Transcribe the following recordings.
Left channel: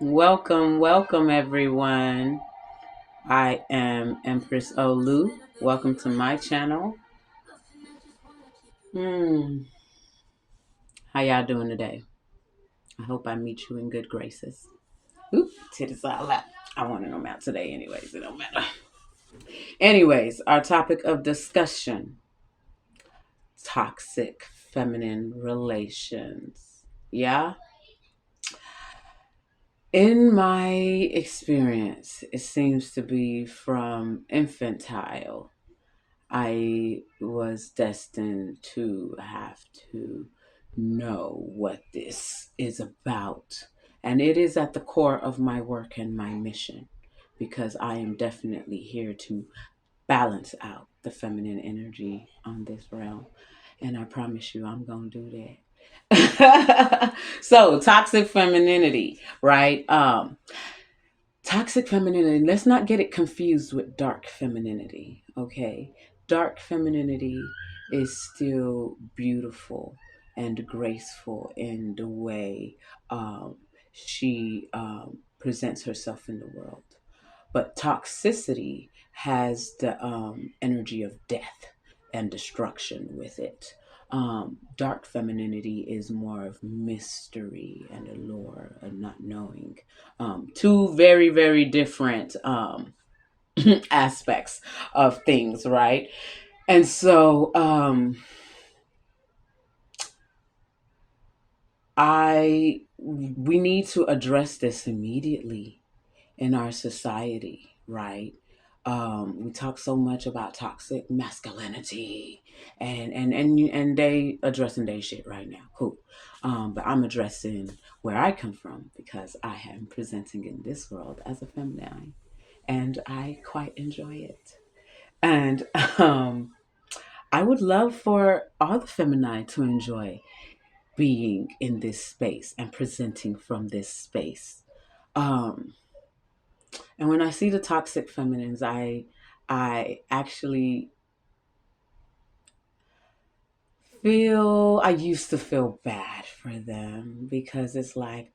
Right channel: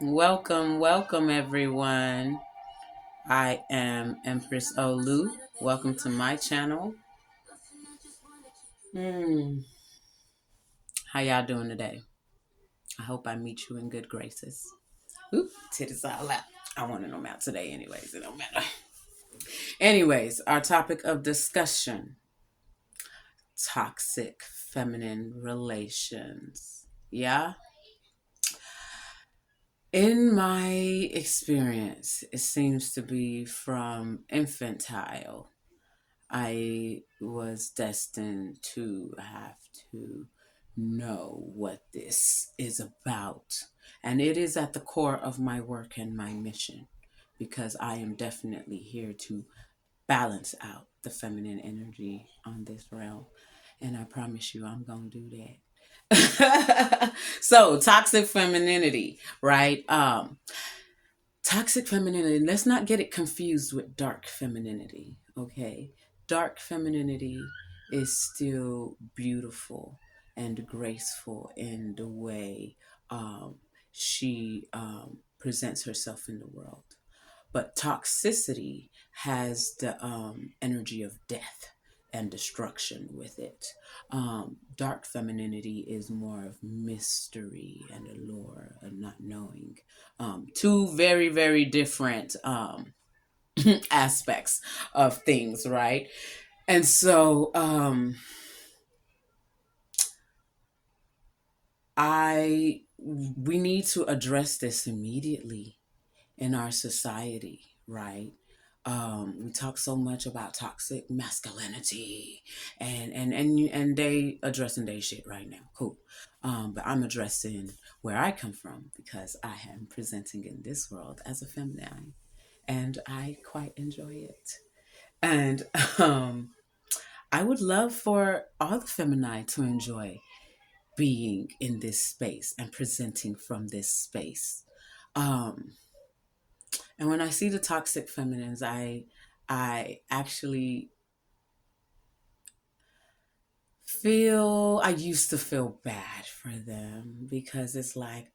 Welcome everyone. I am Empress Olu. Welcome to my channel. Hmm. How y'all doing today? I hope I meet you in good graces. Oop, titties all out. I want to know about today anyways. It don't matter. Anyways, our topic of discussion: toxic feminine relations. Yeah? In my experience, it seems to be from infantile. I was destined to have to know what this is about. And it is at the core of my work and my mission because I am definitely here to balance out the feminine energy on this realm. And I promise you, I'm going to do that. So, toxic femininity, right? Toxic femininity, let's not get it confused with dark femininity, okay? Dark femininity is still beautiful and graceful in the way she presents herself in the world. But toxicity has the energy of death and destruction with it. Dark femininity is more of mystery and allure and not knowing. Two very, very different aspects of things, right? And so I we need to address this immediately in our society, right? We talk so much about toxic masculinity, and they addressing their shit right now. Cool, but I'm addressing where I come from because I am presenting in this world as a feminine, and I quite enjoy it. And I would love for all the feminine to enjoy being in this space and presenting from this space. Um, And when I see the toxic feminines, I actually I used to feel bad for them because it's like,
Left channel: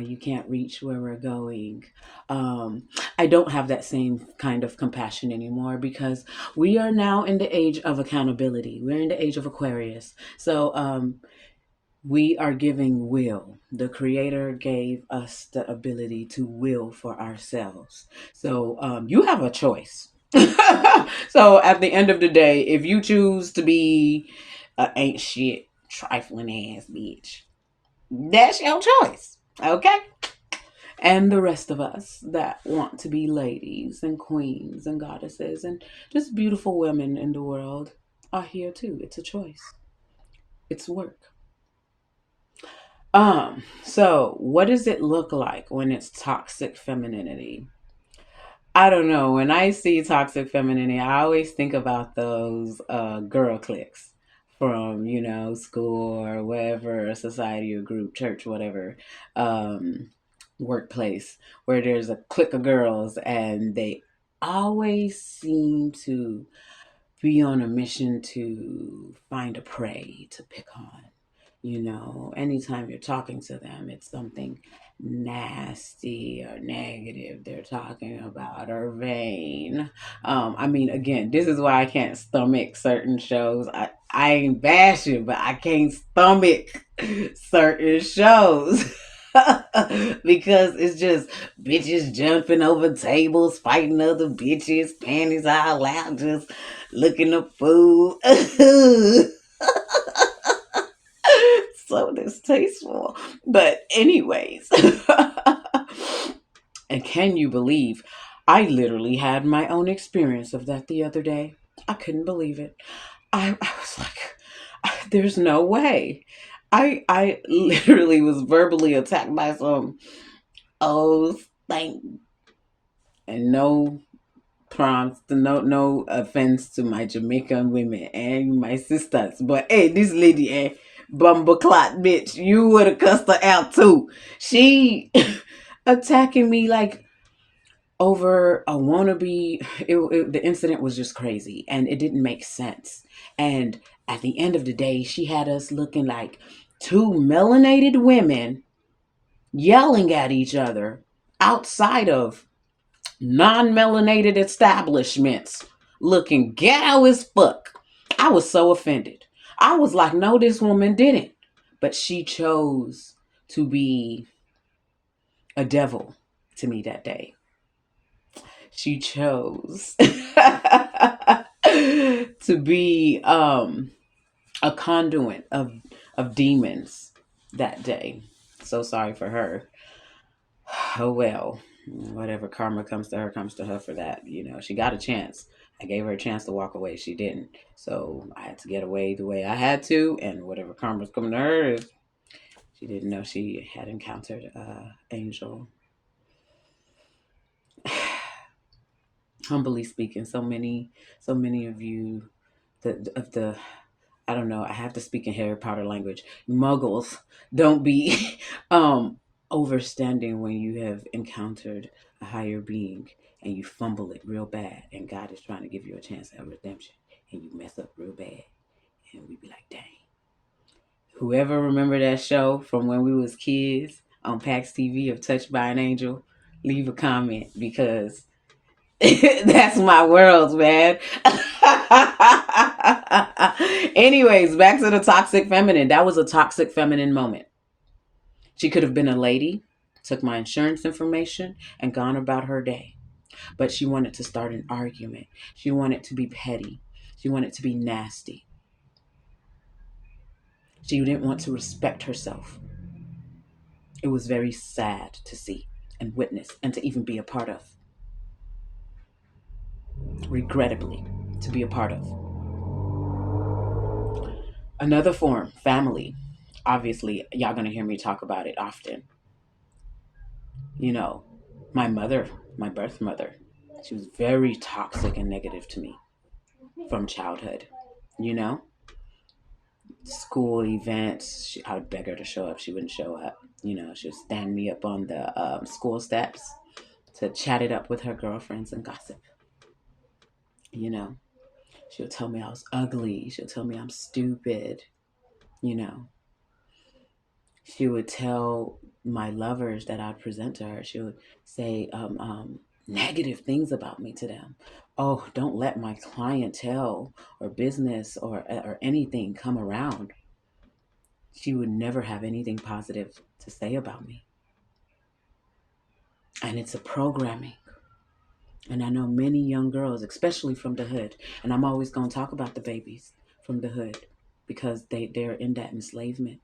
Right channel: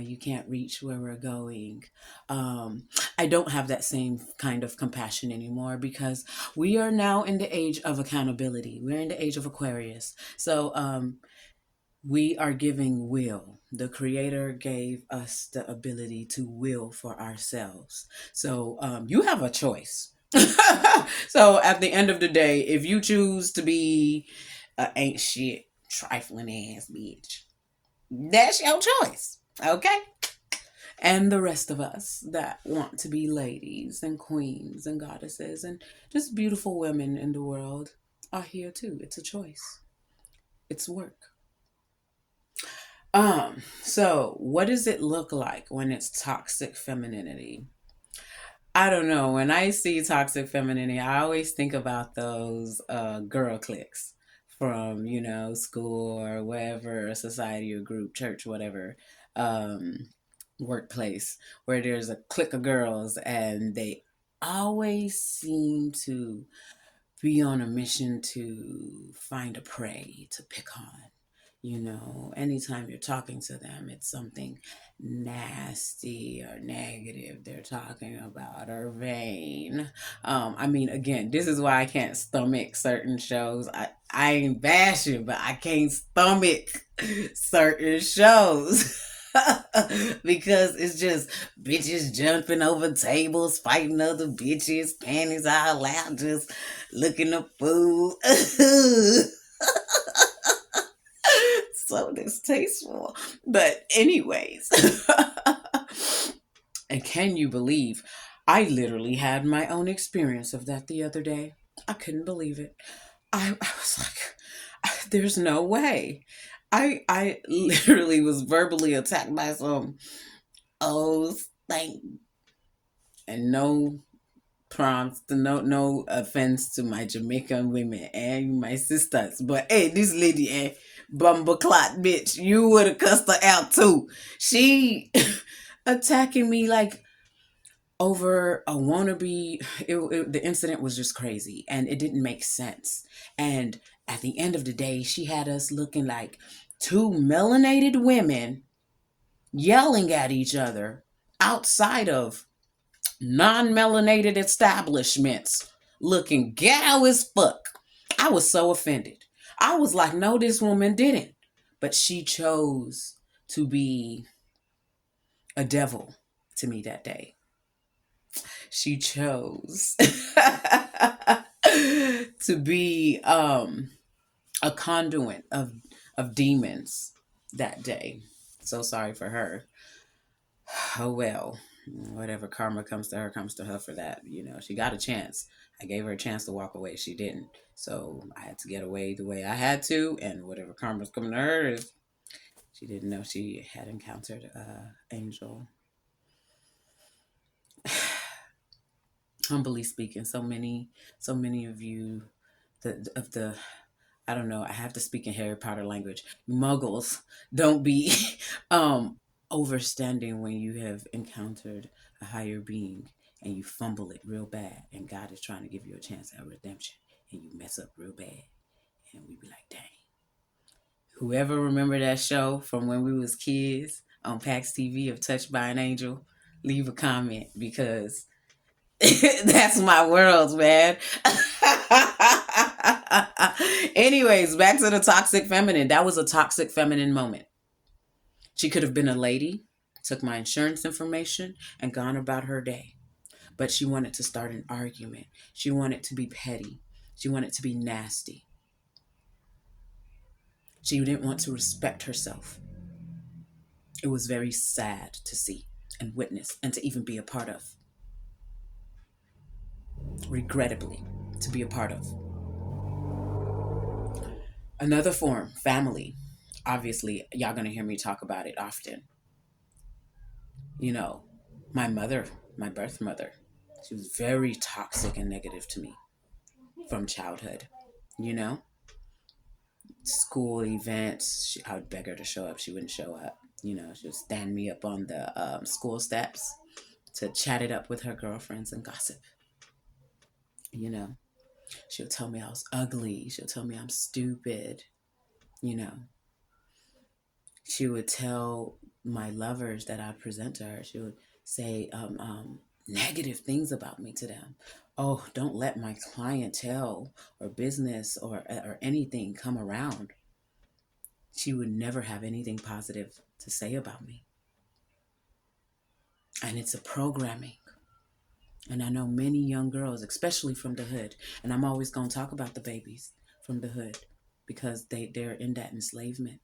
you can't reach where we're going. I don't have that same kind of compassion anymore because we are now in the age of accountability. We're in the age of Aquarius. So we are giving will. The Creator gave us the ability to will for ourselves. So you have a choice. So at the end of the day, if you choose to be a ain't shit, trifling ass bitch, that's your choice. Okay? And the rest of us that want to be ladies and queens and goddesses and just beautiful women in the world are here too. It's a choice. It's work. So what does it look like when it's toxic femininity? I don't know. When I see toxic femininity, I always think about those girl cliques from, school or wherever, society or group, church, whatever, um, workplace, where there's a clique of girls and they always seem to be on a mission to find a prey to pick on. Anytime you're talking to them, it's something nasty or negative they're talking about or vain. Again, this is why I can't stomach certain shows. I ain't bashing, but I can't stomach certain shows. Because it's just bitches jumping over tables, fighting other bitches, panties all out, just looking a fool. So distasteful. But anyways, and can you believe I literally had my own experience of that the other day? I couldn't believe it. I was like, there's no way. I literally was verbally attacked by some old stank, and no prompts, no offense to my Jamaican women and my sisters, but hey, this lady, bumbleclot bitch, you would have cussed her out too. She attacking me like over a wannabe. The incident was just crazy and it didn't make sense. And at the end of the day, she had us looking like two melanated women yelling at each other outside of non-melanated establishments, looking ghetto as fuck. I was so offended. I was like, no, this woman didn't. But she chose to be a devil to me that day. She chose to be a conduit of demons that day. So sorry for her. Oh well, whatever karma comes to her comes to her for that. You know, she got a chance. I gave her a chance to walk away. She didn't. So I had to get away the way I had to, and whatever karma's coming to her is she didn't know she had encountered angel. Humbly speaking, so many of you, the I don't know, I have to speak in Harry Potter language. Muggles, don't be overstanding when you have encountered a higher being and you fumble it real bad and God is trying to give you a chance at redemption and you mess up real bad. And we be like, dang. Whoever remember that show from when we was kids on PAX TV of Touched by an Angel, leave a comment because that's my world, man. Anyways, back to the toxic feminine. That was a toxic feminine moment. She could have been a lady, took my insurance information, and gone about her day. But she wanted to start an argument. She wanted to be petty. She wanted to be nasty. She didn't want to respect herself. It was very sad to see and witness and to even be a part of. Regrettably, to be a part of. Another form, family. Obviously, y'all gonna hear me talk about it often. You know, my mother, my birth mother, she was very toxic and negative to me from childhood. You know, school events, I would beg her to show up. She wouldn't show up. You know, she would stand me up on the school steps to chat it up with her girlfriends and gossip. You know, she would tell me I was ugly. She'll tell me I'm stupid. You know, she would tell my lovers that I'd present to her, she would say negative things about me to them. Oh, don't let my clientele or business or anything come around. She would never have anything positive to say about me. And it's a programming. And I know many young girls, especially from the hood, and I'm always going to talk about the babies from the hood because they're in that enslavement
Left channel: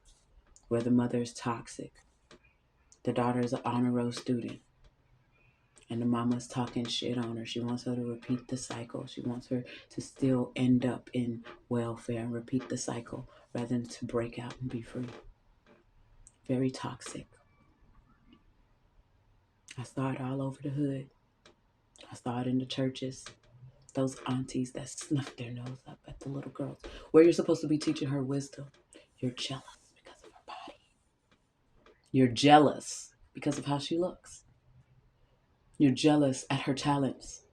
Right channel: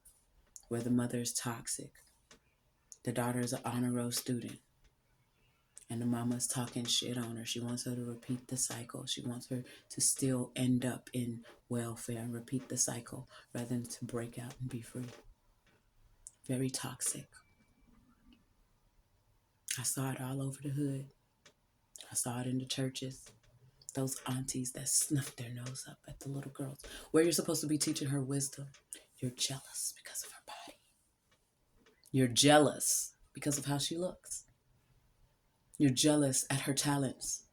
where the mother is toxic. The daughter is an honor roll student. And the mama's talking shit on her. She wants her to repeat the cycle. She wants her to still end up in welfare and repeat the cycle rather than to break out and be free. Very toxic. I saw it all over the hood. I saw it in the churches. Those aunties that snuffed their nose up at the little girls. Where you're supposed to be teaching her wisdom. You're jealous because of her body. You're jealous because of how she looks. You're jealous at her talents.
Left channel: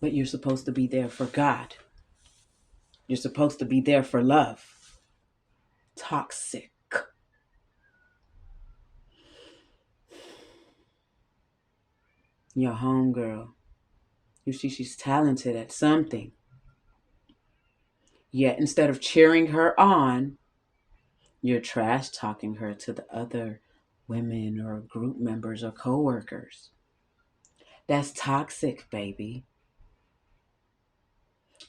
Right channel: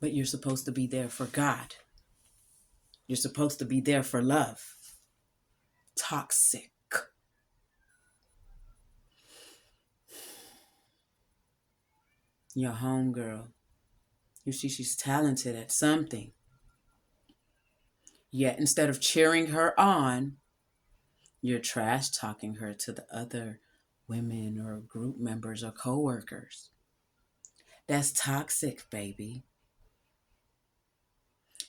But you're supposed to be there for God. You're supposed to be there for love. Toxic. Your homegirl. You see she's talented at something. Yet instead of cheering her on, you're trash talking her to the other women or group members or coworkers. That's toxic, baby.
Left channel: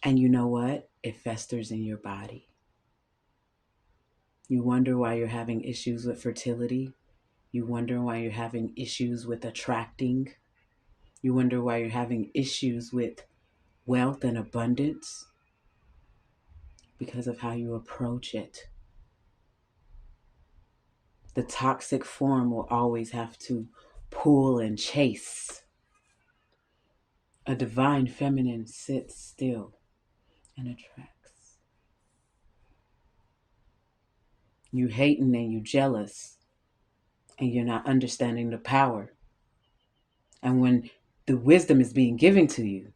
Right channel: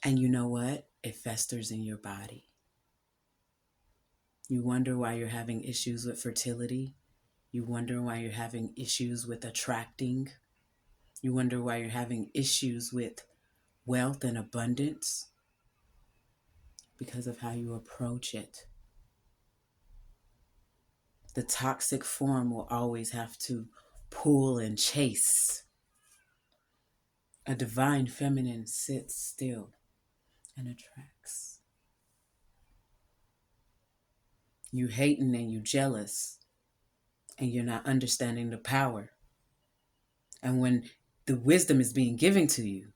And you know what? It festers in your body. You wonder why you're having issues with fertility. You wonder why you're having issues with attracting. You wonder why you're having issues with wealth and abundance because of how you approach it. The toxic form will always have to pull and chase. A divine feminine sits still and attracts. You hating and you jealous and you're not understanding the power. And when the wisdom is being given to you,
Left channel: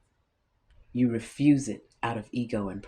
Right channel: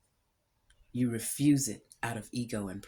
you refuse it out of ego and